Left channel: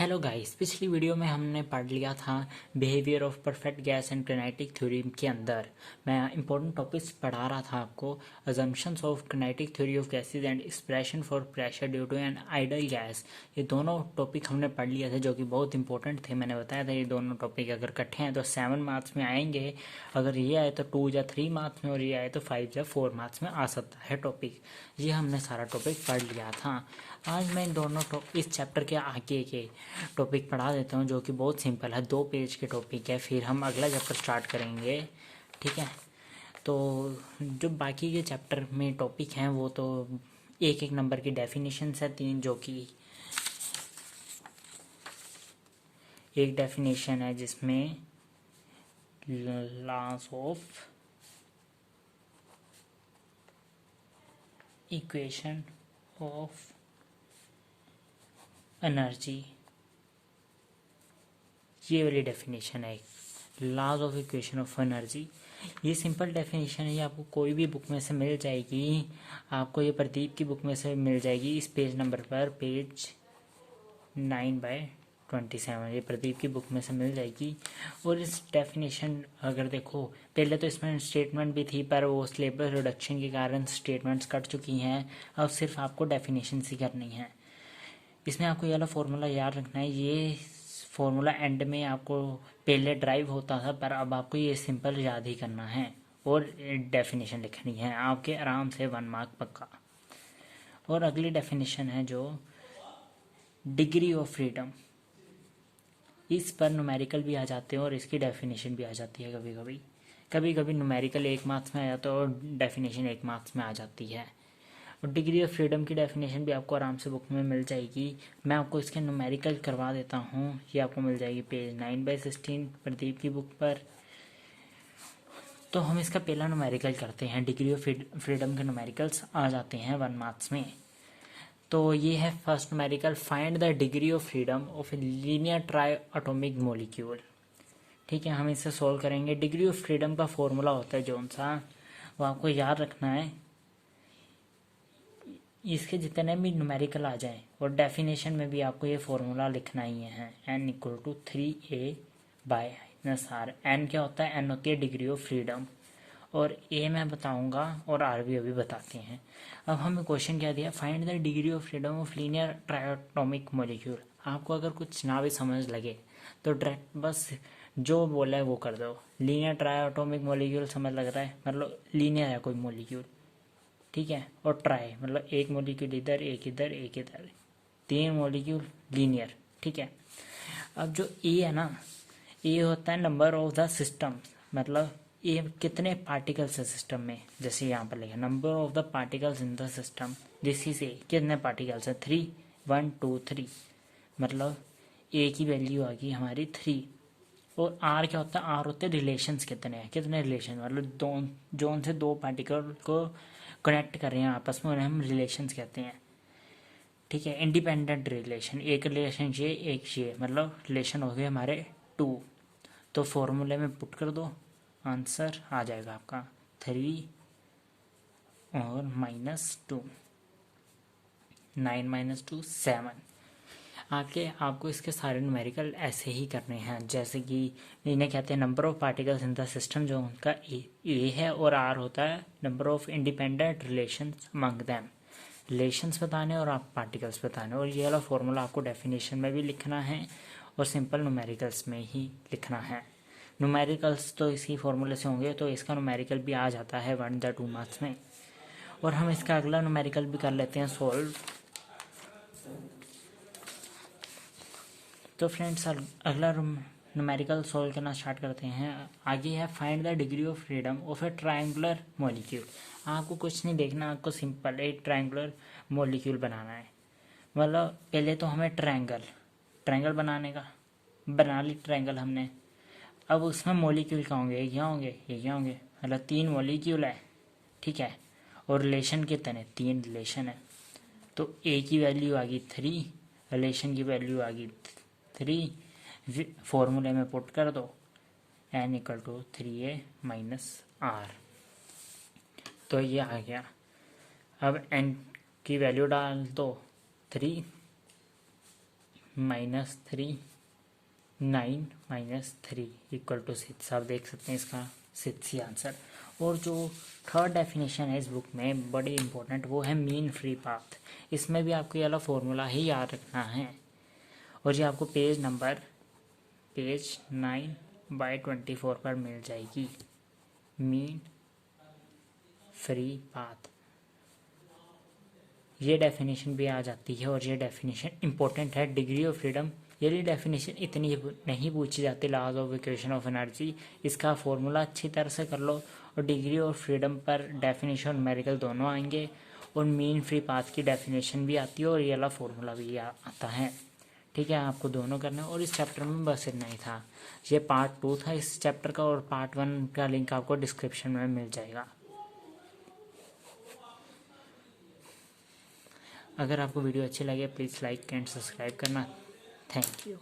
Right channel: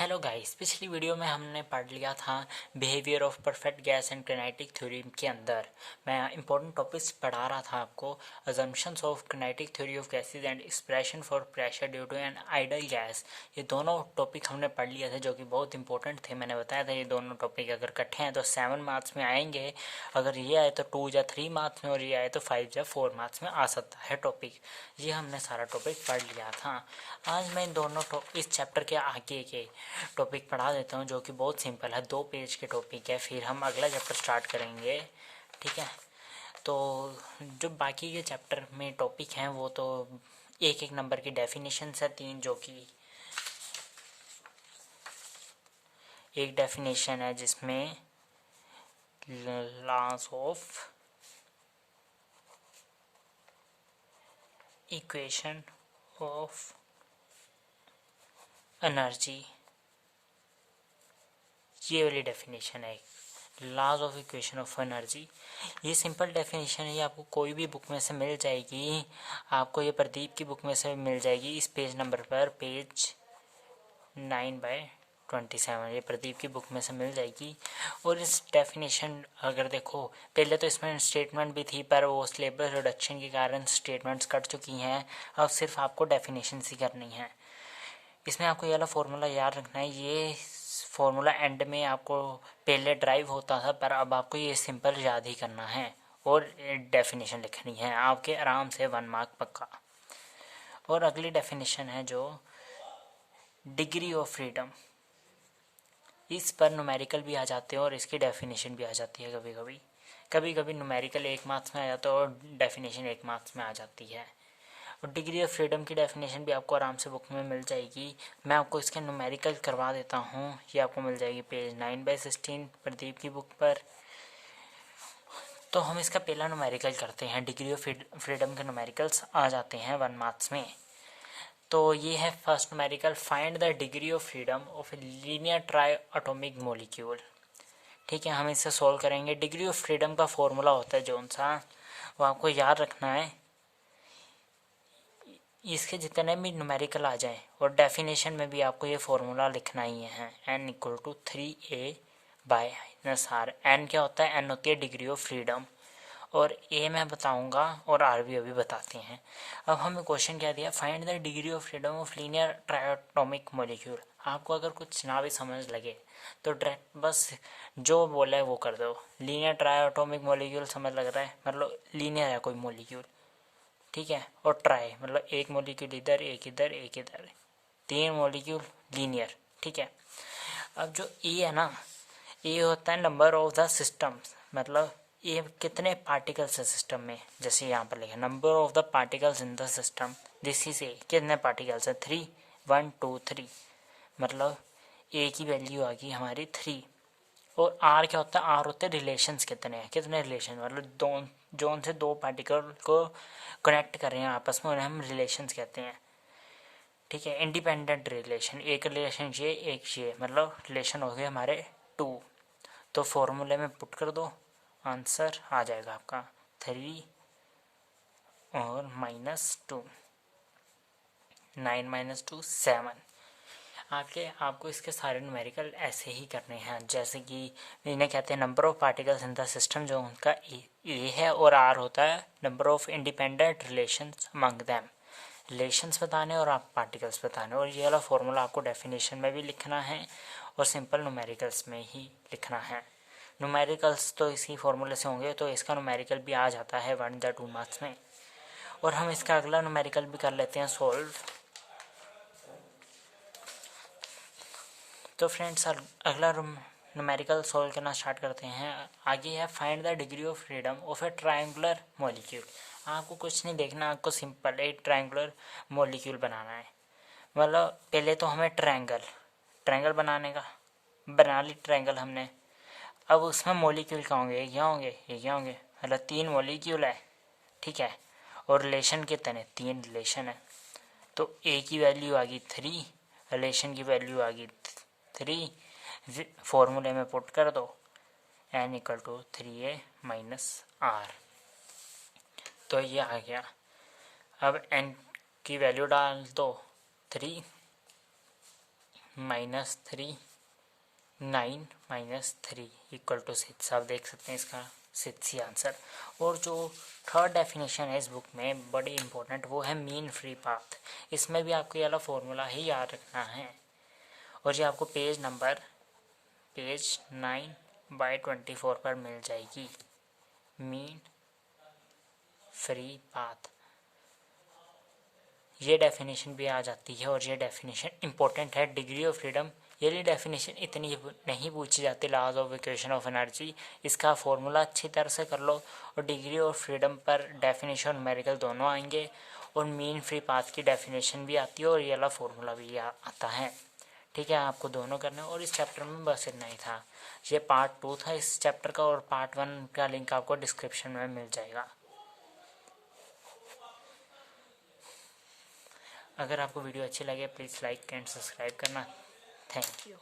Hello guys, पिछली video में हमने पढ़ लिया था behaviour of perfect gas and kinetic theory के अंदर मैं इंपॉर्टेंट टॉपिक्स पढ़ा रहा था आपको। Assumptions of kinetic theory of gases and expression for pressure due to an ideal gas, ये दोनों टॉपिक हमने पढ़ लिए थे जो कि बहुत इंपॉर्टेंट थे। मैंने बताया था ये दोनों टॉपिक अगर इकट्ठे हैं तो 7 मार्क्स में आएंगे, अगर ये आए तो 2 या 3 मार्क्स में, और ये आए तो 5 या 4 मार्क्स में आ सकता है टॉपिक। ये हमने सारा टॉपिक पढ़ लिया था। आज मैं इन दोनों इस चैप्टर के आगे के टॉपिक पढ़ा देता हूँ जो कि बहुत सिंपल है, 2 पेज के टॉपिक है। फिर हम अगला चैप्टर स्टार्ट करेंगे, ठीक है। तो जो बाकी के चैप्टर में टॉपिक हैं वो तो एक एक नंबर की डेफिनेशन है 3, जो कि एक डेफिनेशन है जिसमें loss of equation of energy, ये वाली डेफिनेशन है laws of equation of energy. ये सिंपल डेफिनेशन है, ये आपको कोई भी बुक में से मिल जाएगी। आपको ये प्रदीप की बुक में से मिल जाएगी इस पेज नंबर पर, पेज 9/27, ये प्रदीप की बुक में से मिल जाएगी। और इस डेफिनेशन अगर देखो, पहले तो इसमें स्टेटमेंट भी थी पर वो सिलेबस रिडक्शन के कारण स्टेटमेंट्स कट चुकी हैं। अब सिर्फ आपको डेफिनेशन ही करनी है। इसमें आपको ये वाला फॉर्मूला याद रखना है। ये फॉर्मूला एंड में आपको पहले ड्राइव होता था, पर अब आपको ये सिंपल याद ही करना है और डेफिनेशन लिखनी है आपके आराम से 1 मार्क पक्का। और अगली डेफिनेशन है जो डिग्री ऑफ फ्रीडम, इस पर न्यूमेरिकल भी आ जाते हैं और इसकी डेफिनेशन भी आ जाती है। कभी कभी न्यूमेरिकल 1 मार्क्स में आ जाता है और डेफिनेशन 1 मार्क्स में आ जाती है। और डिग्री ऑफ फ्रीडम की डेफिनेशन भी आपको आराम से बुक में मिल जाएगी। मैं आपको इसके न्यूमेरिकल करवा देता हूँ, ये आपको मिल जाएगी पेज 9/16 प्रदीप की बुक पर। तो हम इसका पहला न्यूमेरिकल करते हैं। डिग्री ऑफ फ्रीडम के न्यूमेरिकल्स आ जाते हैं 1 मार्क्स में। तो ये है first numerical, find the degree of freedom of a linear try atomic molecule. ठीक है, हम इसे सॉल्व करेंगे। डिग्री ऑफ फ्रीडम का फॉर्मूला होता है जौन सा, वो आपको याद रखना है। इसके जितने भी न्यूमेरिकल आ जाएं और डेफिनेशन में भी आपको ये फॉर्मूला लिखना ही है, n = 3a/r। n क्या होता है? n होती है डिग्री ऑफ फ्रीडम, और a मैं बताऊंगा और r भी अभी बताते हैं। अब हमें क्वेश्चन क्या दिया, find the degree of freedom of linear triatomic molecule. आपको अगर कुछ ना भी समझ लगे तो डायरेक्ट बस जो बोला है वो कर दो। लीनियर ट्राइएटॉमिक मॉलिक्यूल समझ लग रहा है, मतलब लीनियर है कोई मॉलिक्यूल, ठीक है। और ट्राई मतलब एक मॉलिक्यूल इधर, एक इधर, एक इधर, 3 मॉलिक्यूल लीनियर, ठीक है। अब जो ए है ना, ए होता है नंबर ऑफ द सिस्टम, मतलब ये कितने पार्टिकल्स है सिस्टम में। जैसे यहाँ पर लिखा number of the particles in the system, this is a. कितने पार्टिकल्स है? 3, 1 2 3, मतलब ए की वैल्यू आ गई हमारी 3। और आर क्या होता है? आर होते हैं रिलेशंस, कितने रिलेशन, मतलब जोन से 2 पार्टिकल को कनेक्ट कर रहे हैं आपस में, उन्हें हम रिलेशंस कहते हैं, ठीक है। इंडिपेंडेंट रिलेशन, एक रिलेशन ये एक ये, मतलब रिलेशन हो गए हमारे 2। तो फॉर्मूले में पुट कर दो, आंसर आ जाएगा आपका 3 और -2, 9 - 2 7। आपको इसके सारे न्यूमेरिकल ऐसे ही करने हैं, जैसे कि इन्हें कहते हैं number of particles in the system, जो उनका ए है, और आर होता है number of independent relations among them. Relations बताने और आप पार्टिकल्स बताने, और ये वाला फॉर्मूला आपको डेफिनेशन में भी लिखना है और सिंपल न्यूमेरिकल्स में ही लिखना है। न्यूमेरिकल्स तो इसी फॉर्मूले से होंगे, तो इसका न्यूमेरिकल भी आ जाता है 1 या 2 मार्क्स में। और हम इसका अगला न्यूमेरिकल भी कर लेते हैं सॉल्व। तो फ्रेंड्स अगला न्यूमेरिकल सॉल्व करना स्टार्ट करते हैं। आगे है find the degree of freedom of A triangular molecule. आपको कुछ नहीं देखना, आपको सिंपल एक ट्रायंगुलर मॉलिक्यूल बनाना है। मतलब पहले तो हमें ट्रायंगल बना ली ट्रायंगल हमने। अब उसमें मॉलिक्यूल क्या होंगे? ये क्या होंगे, ये क्या होंगे, मतलब 3 मॉलिक्यूल है, ठीक है। और रिलेशन कितने? 3 रिलेशन है। तो ए की वैल्यू आ गई 3, रिलेशन की वैल्यू आ गई 3, फॉर्मूले में पुट कर दो, n = 3a - r। तो ये आ गया। अब n की वैल्यू डाल दो 3, -3 9 -3 = 6। आप देख सकते हैं इसका 6 ही आंसर। और जो थर्ड डेफिनेशन है इस बुक में बड़ी इंपॉर्टेंट, वो है मीन फ्री पाथ। इसमें भी आपको ये वाला फॉर्मूला ही याद रखना है। और ये आपको पेज 9/24 पर मिल जाएगी, मीन फ्री पाथ। ये डेफिनेशन भी आ जाती है और ये डेफिनेशन इंपॉर्टेंट है। डिग्री ऑफ फ्रीडम, ये डेफिनेशन इतनी नहीं पूछी जाती। Laws of equation of energy, इसका फॉर्मूला अच्छी तरह से कर लो। और डिग्री ऑफ फ्रीडम पर डेफिनेशन न्यूमेरिकल दोनों आएंगे। और मीन फ्री पाथ की डेफिनेशन भी आती है और ये वाला फॉर्मूला भी आता है। ठीक है, आपको दोनों करना है। और इस चैप्टर में बस इतना ही था। ये पार्ट 2 था इस चैप्टर का, और पार्ट 1 का लिंक आपको डिस्क्रिप्शन में मिल जाएगा। अगर आपको वीडियो अच्छी लगे प्लीज़ लाइक एंड सब्सक्राइब करना। Thank you.